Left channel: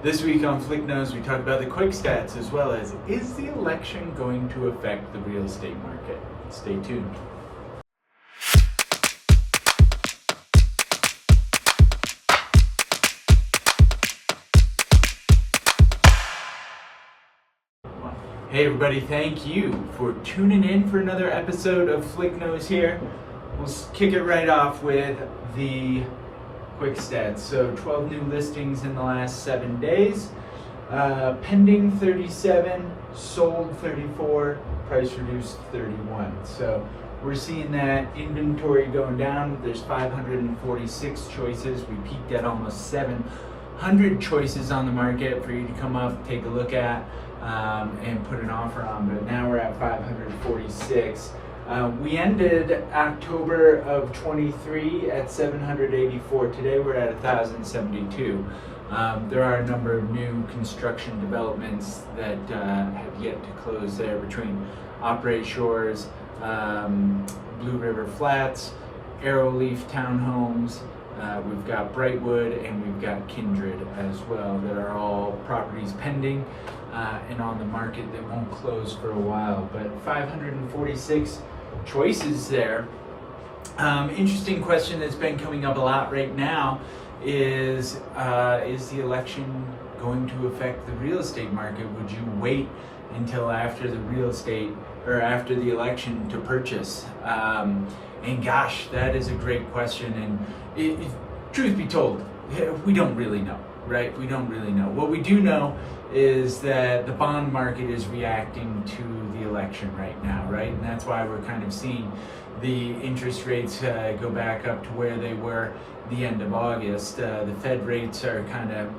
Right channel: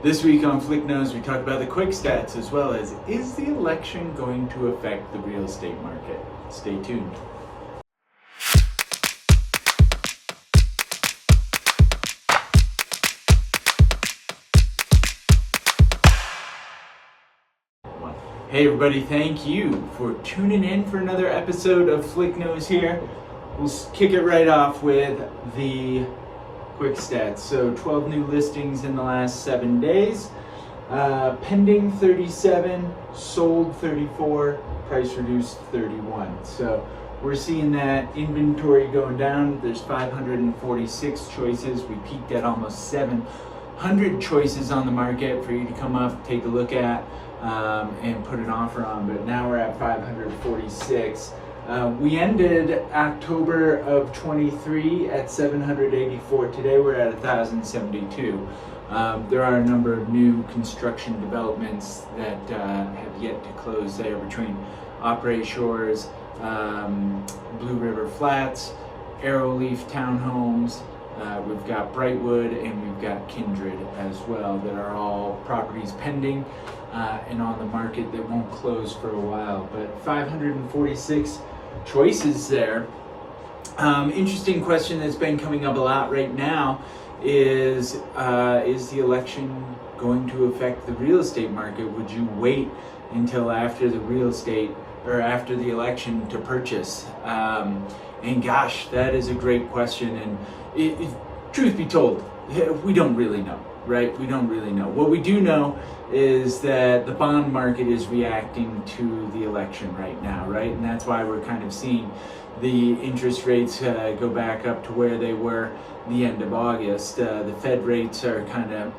This week on Flick Knows, we talk about the quick stats as well as is the election going to affect the real estate market? Stay tuned. Hey everybody, thank you for tuning in for another episode of Flick Knows here. We'll kick it right off with the quick stats. So 12 new listings in the last 7 days. Pending 37, sold 34, price reduced 31. So we're seeing that inventory going down. There's 546 choices. We peaked at almost 700 choices on the market for you to come up, take a look at, and put an offer on. But now we're at 546. We ended October of 23 at 784. Today we're at 1,072. There are a number of new construction developments that have yet to close there between Opry Shores, Blue River Flats, Arrowleaf Townhomes. We've got Brightwood and we've got Kindred as well that are all properties pending and on the market that won't close for a while. But 546 choices there. Interesting question that's been coming up a lot right now is the election going to affect the real estate market? Would you wait until after the real estate or after the election to purchase? And gosh, that is a great question. And truth be told, we don't really know, right? We don't really know. What we do know is that the bond market is reacting to the election right now, right? And that's why we're kind of seeing the interest rates go back up to where they were the end of August. The Fed rates are kind of,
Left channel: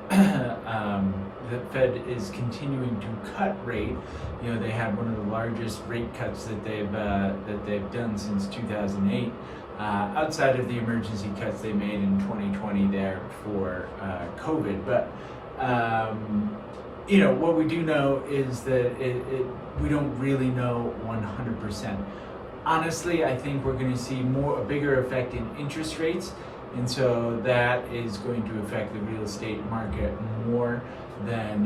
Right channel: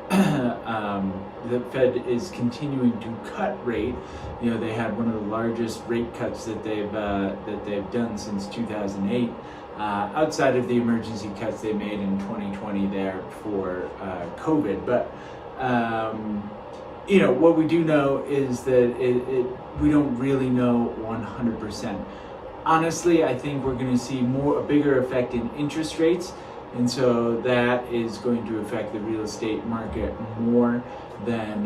the Fed is continuing to cut rate. You know, they had one of the largest rate cuts that they've done since 2008. Outside of the emergency cuts they made in 2020 there for COVID. But you know, what we do know is that we don't really know 100%. Honestly, I think we're going to see a bigger effect in interest rates, and so that is going to affect the real estate market more than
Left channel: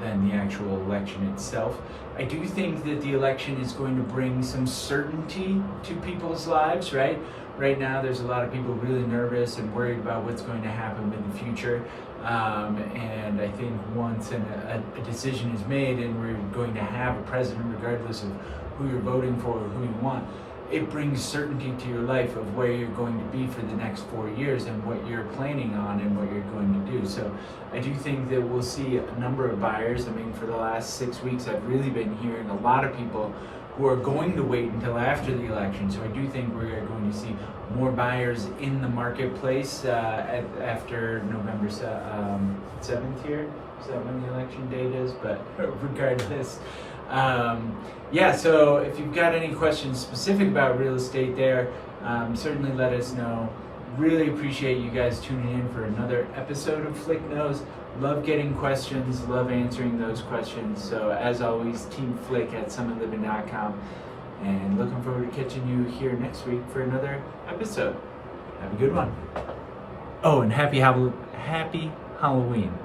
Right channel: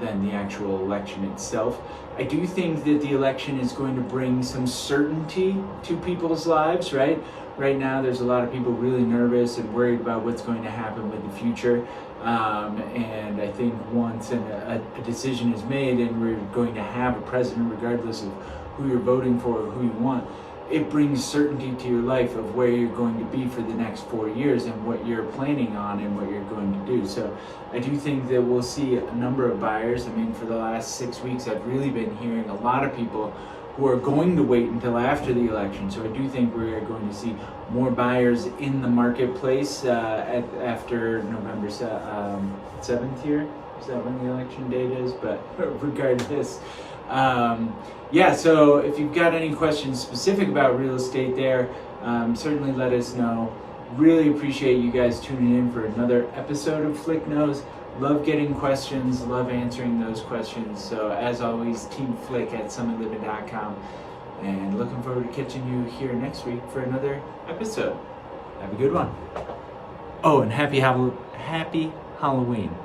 the actual election itself. I do think that the election is going to bring some certainty to people's lives, right? Right now, there's a lot of people really nervous and worried about what's going to happen with the future. And I think once a decision is made and we're going to have a president, regardless of who you're voting for or who you want, it brings certainty to your life of where you're going to be for the next 4 years and what you're planning on and what you're going to do. So I do think that we'll see a number of buyers. I mean, for the last 6 weeks, I've really been hearing a lot of people who are going to wait until after the election. So I do think we're going to see more buyers in the marketplace after November 7th here. Is that when the election date is? But regardless, yeah, so if you've got any questions specific about real estate there, certainly let us know. Really appreciate you guys tuning in for another episode of Flick Knows. Love getting questions, love answering those questions. So as always, Team Flick at summitliving.com. And looking forward to catching you here next week for another episode. Have a good one. Oh, and happy Halloween.